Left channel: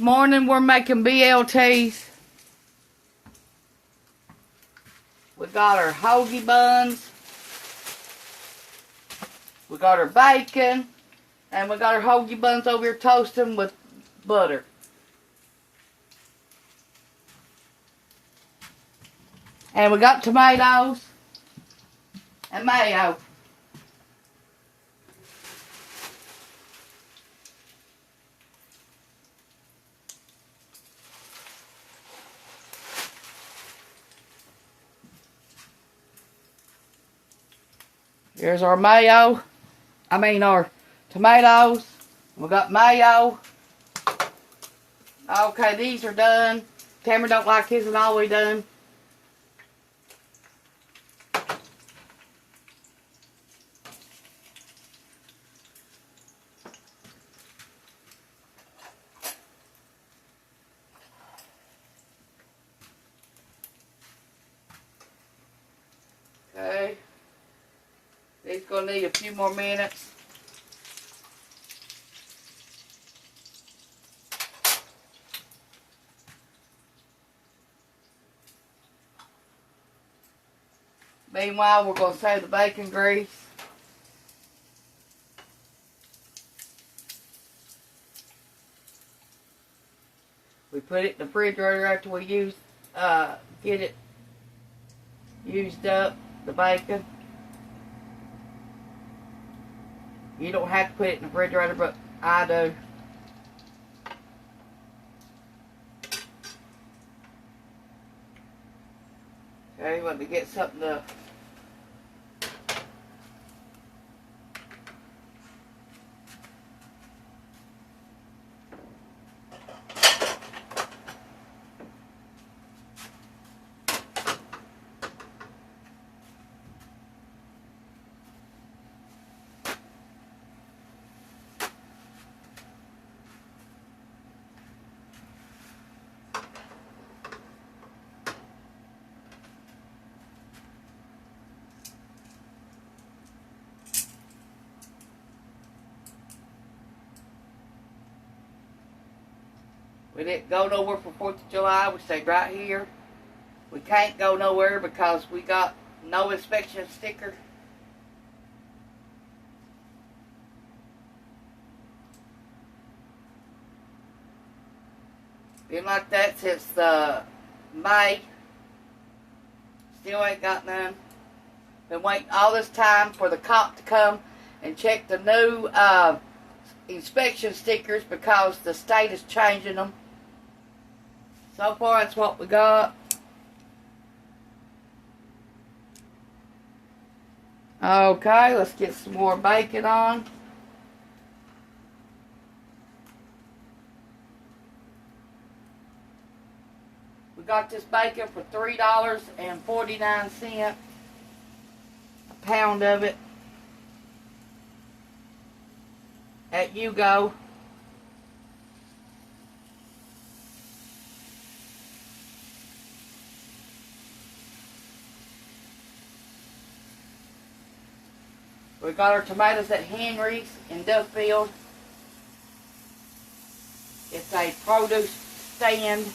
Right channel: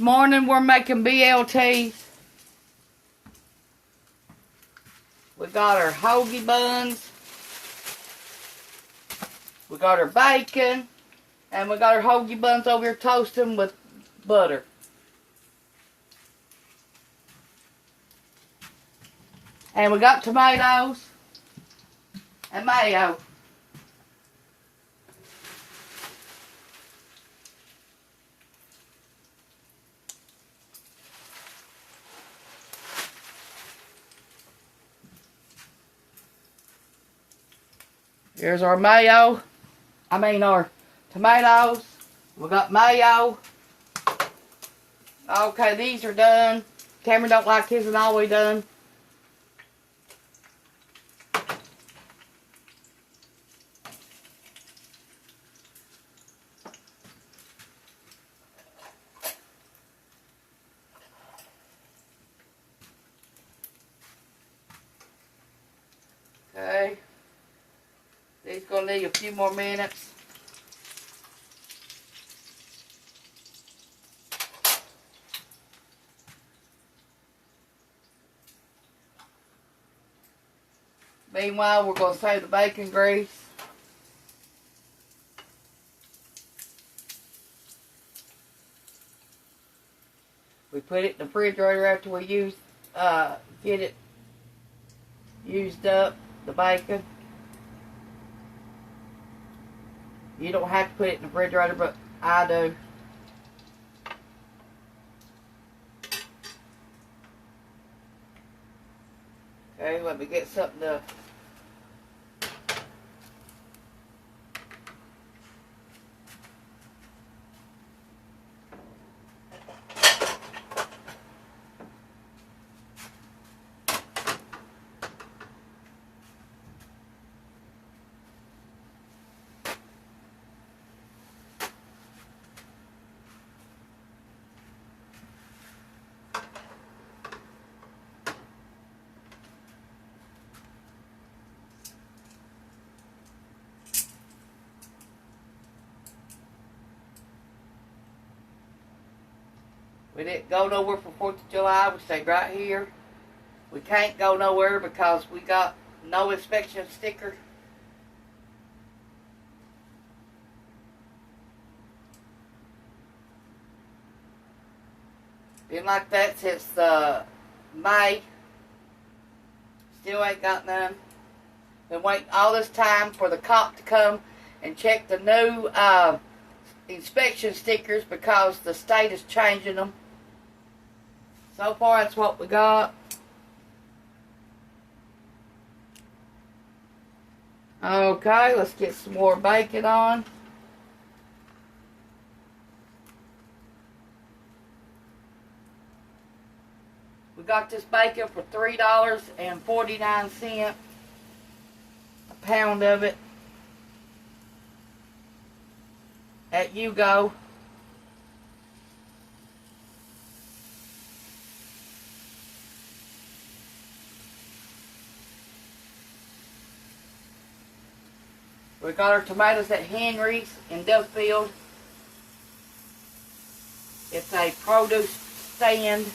morning we're making BLTs. We got our hoagie buns. We got our bacon. And we got our hoagie buns over here toasting with butter. And we got tomatoes and mayo. Here's our mayo. Our tomatoes. We got mayo. Okay, these are done. Tamara don't like his and all we done. Okay. These gonna need a few more minutes. Meanwhile, we're gonna save the bacon grease. We put it in the refrigerator after we get it used up, the bacon. You don't have to put it in the refrigerator, but I do. Okay, let me get something to... We didn't go nowhere for 4th of July. We stayed right here. We can't go nowhere because we got no inspection sticker. Been like that since May. Still ain't got none. Been waiting all this time for the cop to come and check the new inspection stickers because the state is changing them. So far, that's what we got. Okay, let's get some more bacon on. We got this bacon for $3.49. A pound of it. At You Go. We got our tomatoes at Henry's in Duffield. It's a produce stand.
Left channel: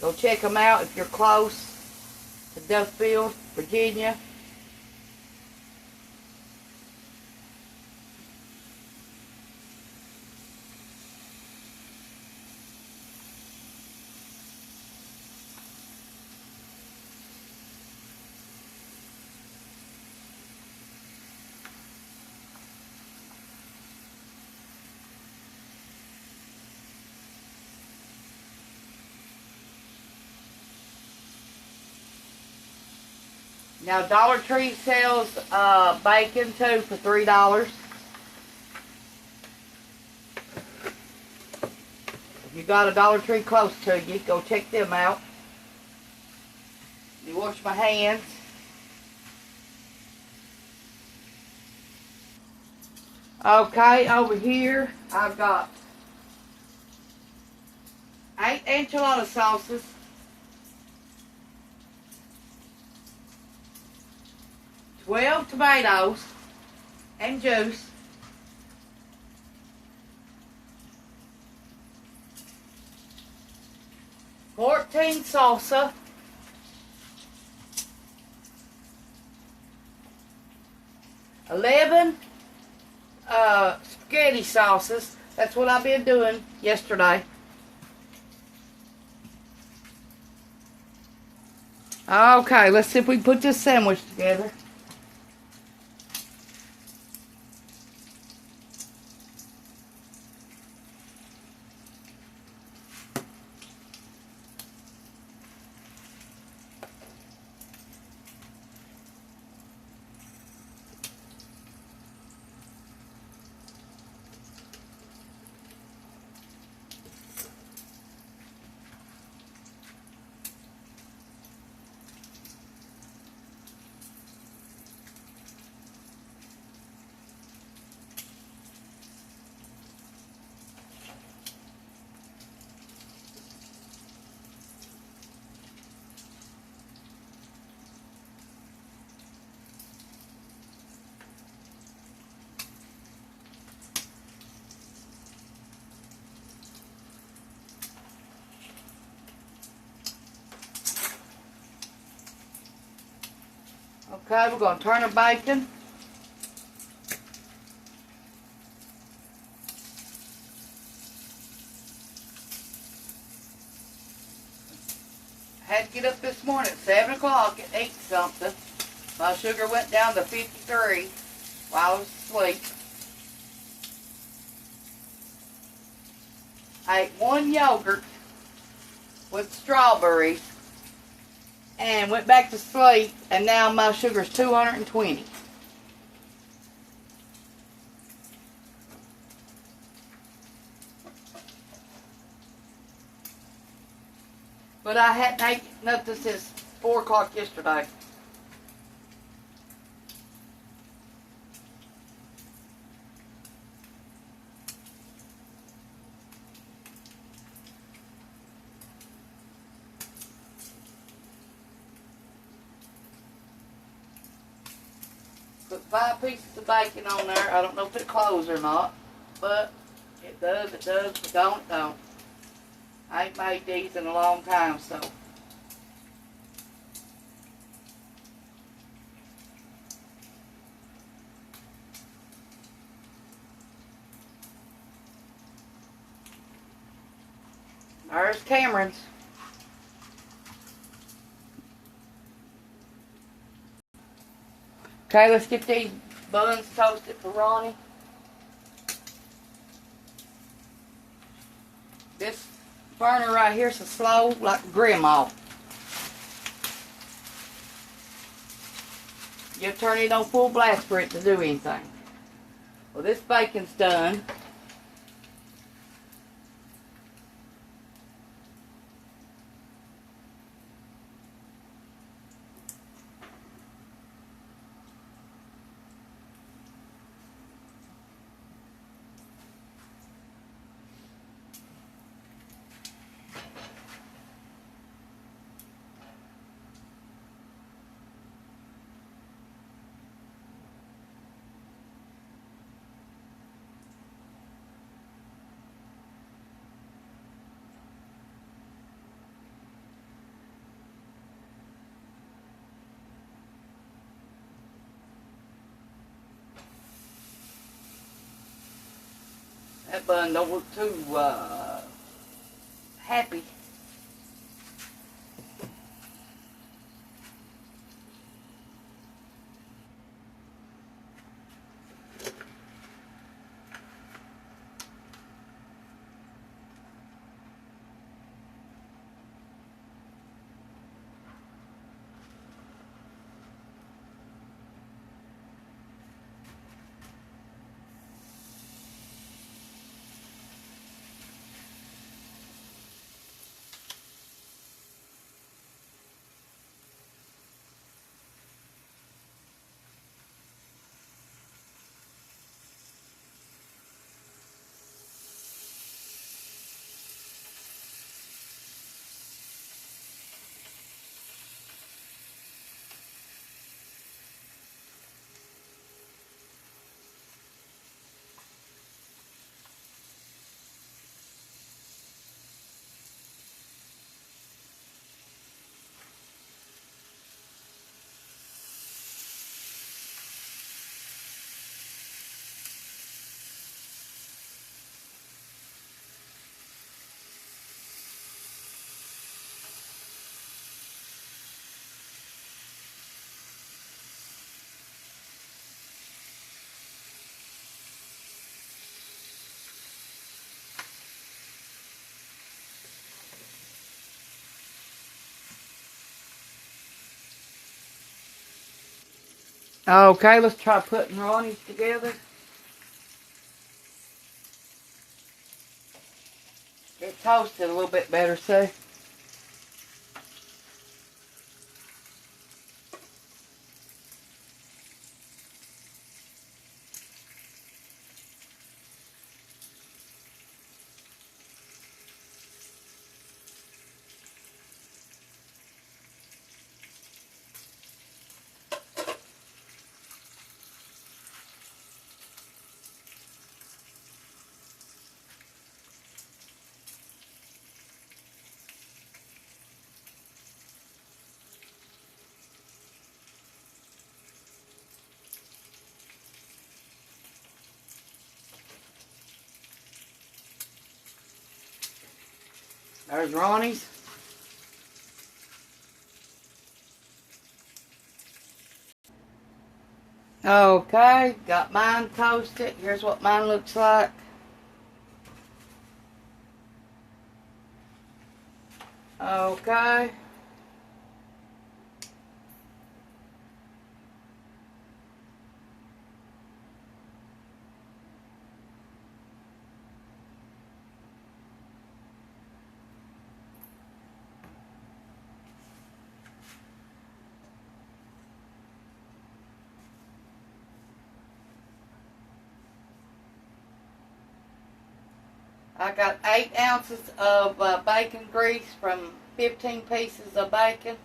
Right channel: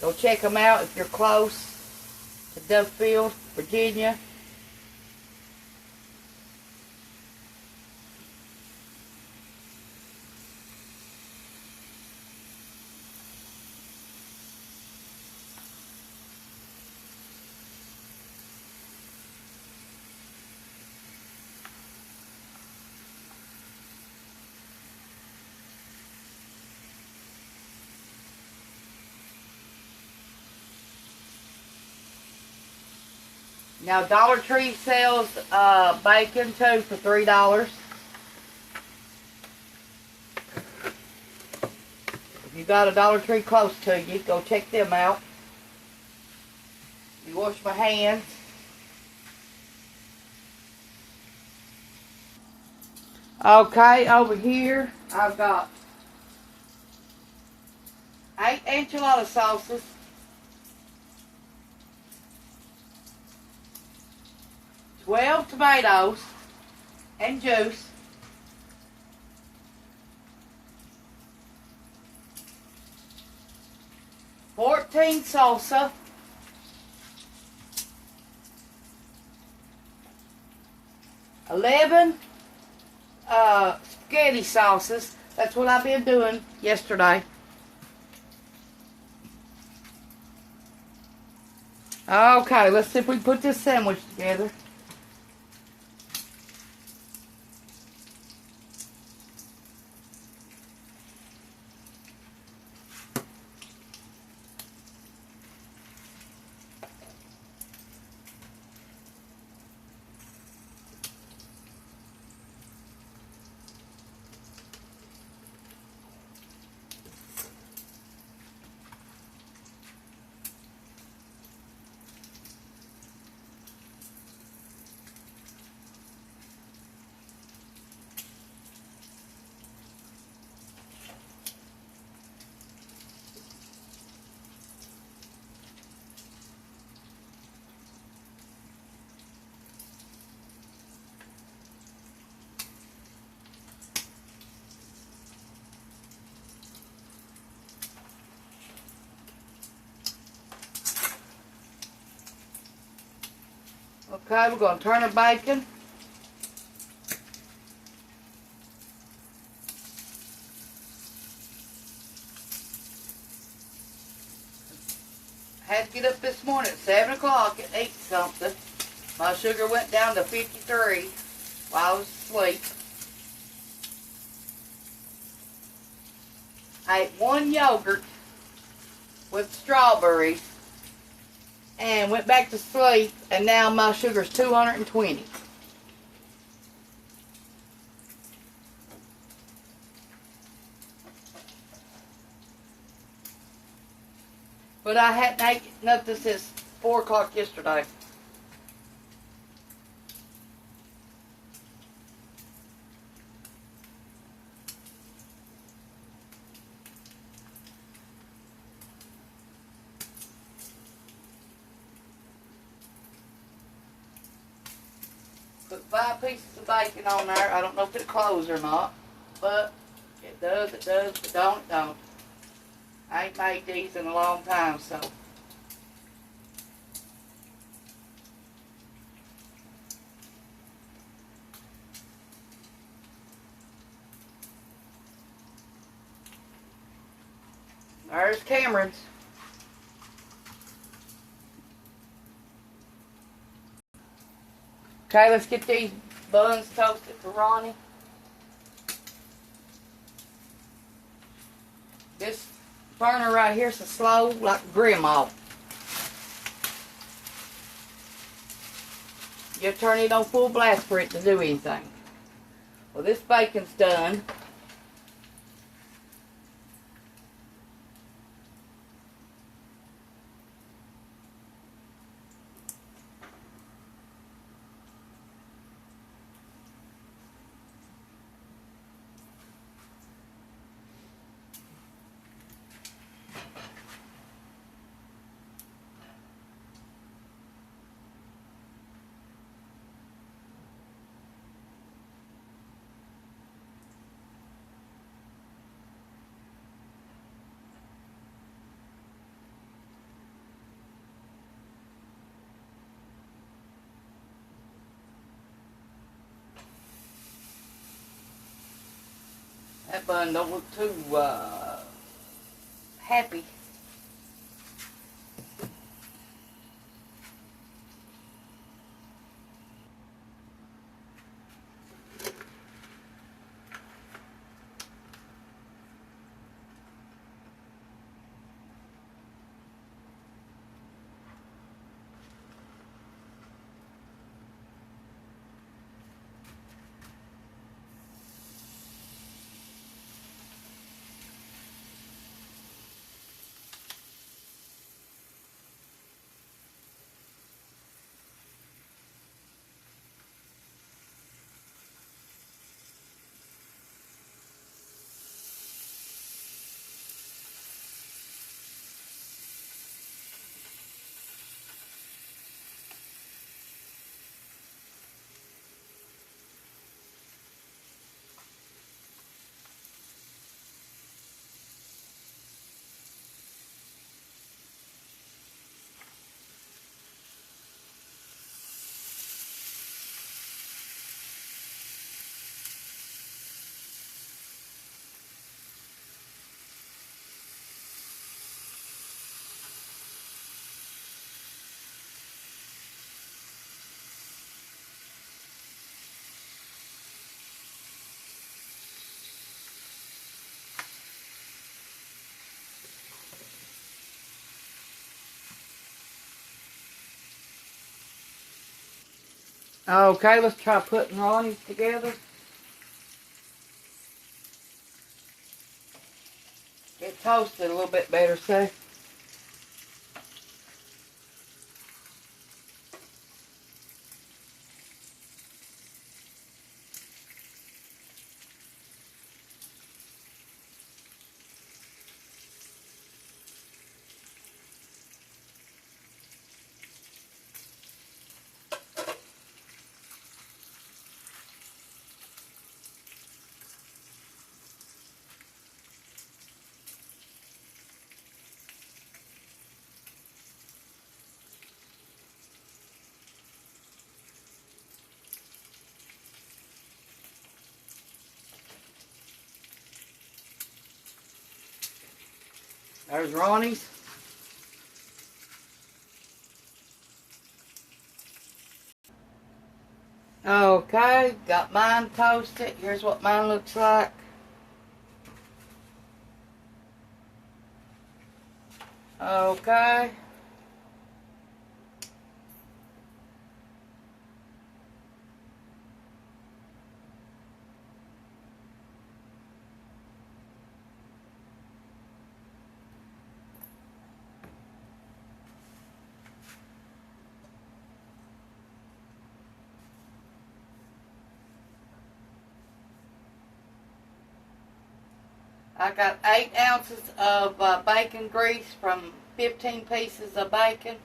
Go check them out if you're close to Duffield, Virginia. Now Dollar Tree sells bacon too for $3. If you got a Dollar Tree close to you, go check them out. You wash my hands. Okay, over here I've got 8 enchilada sauces. 12 tomatoes and juice. 14 salsa, 11 spaghetti sauces. That's what I've been doing yesterday. Okay, let's see if we can put this sandwich together. Okay, we're going to turn the bacon. I had to get up this morning at 7 o'clock and eat something. My sugar went down to 53 while I was asleep. I ate one yogurt with strawberries and went back to sleep, and now my sugar's 220. But I hadn't ate nothing since 4 o'clock yesterday. Put 5 pieces of bacon on there. I don't know if it closes or not, but it does, but don't, it don't. I ain't made these in a long time, so. There's Cameron's. Okay, let's get these buns toasted for Ronnie. This burner right here is so slow, like grandma. You have to turn it on full blast for it to do anything. Well, this bacon's done. That bun don't look too happy. Okay, let's try putting Ronnie's together. Get toasted a little bit better, so. There's Ronnie's. Okay, got mine toasted. Here's what mine looks like. Okay. I got 8 ounces of bacon grease from 15 pieces of bacon.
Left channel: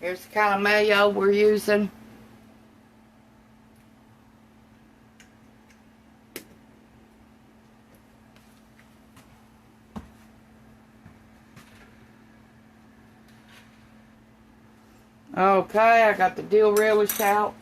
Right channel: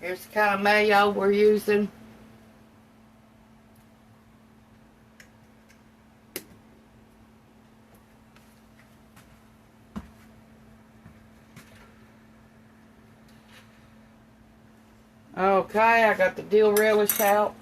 Here's the kind of mayo we're using. Okay, I got the dill relish out.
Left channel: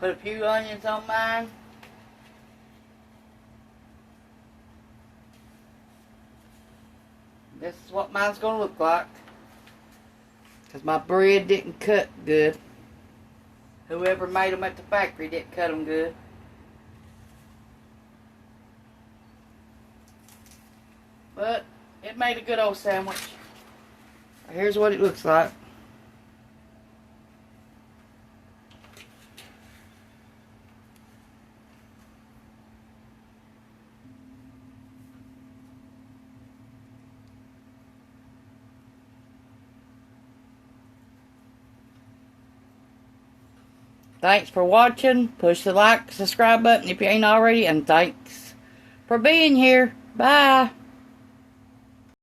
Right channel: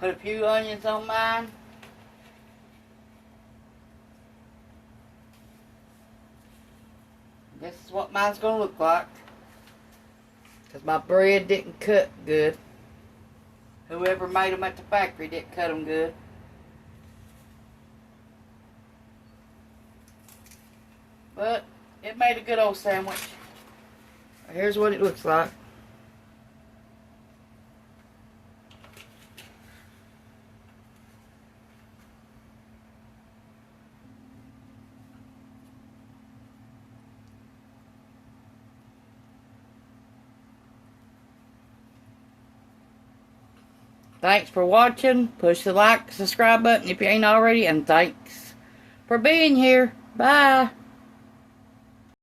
Put a few onions on mine. This is what mine's going to look like. Because my bread didn't cut good. Whoever made them at the factory didn't cut them good. But it made a good old sandwich. Here's what it looks like. Thanks for watching. Push the like, subscribe button if you ain't already. And thanks for being here. Bye.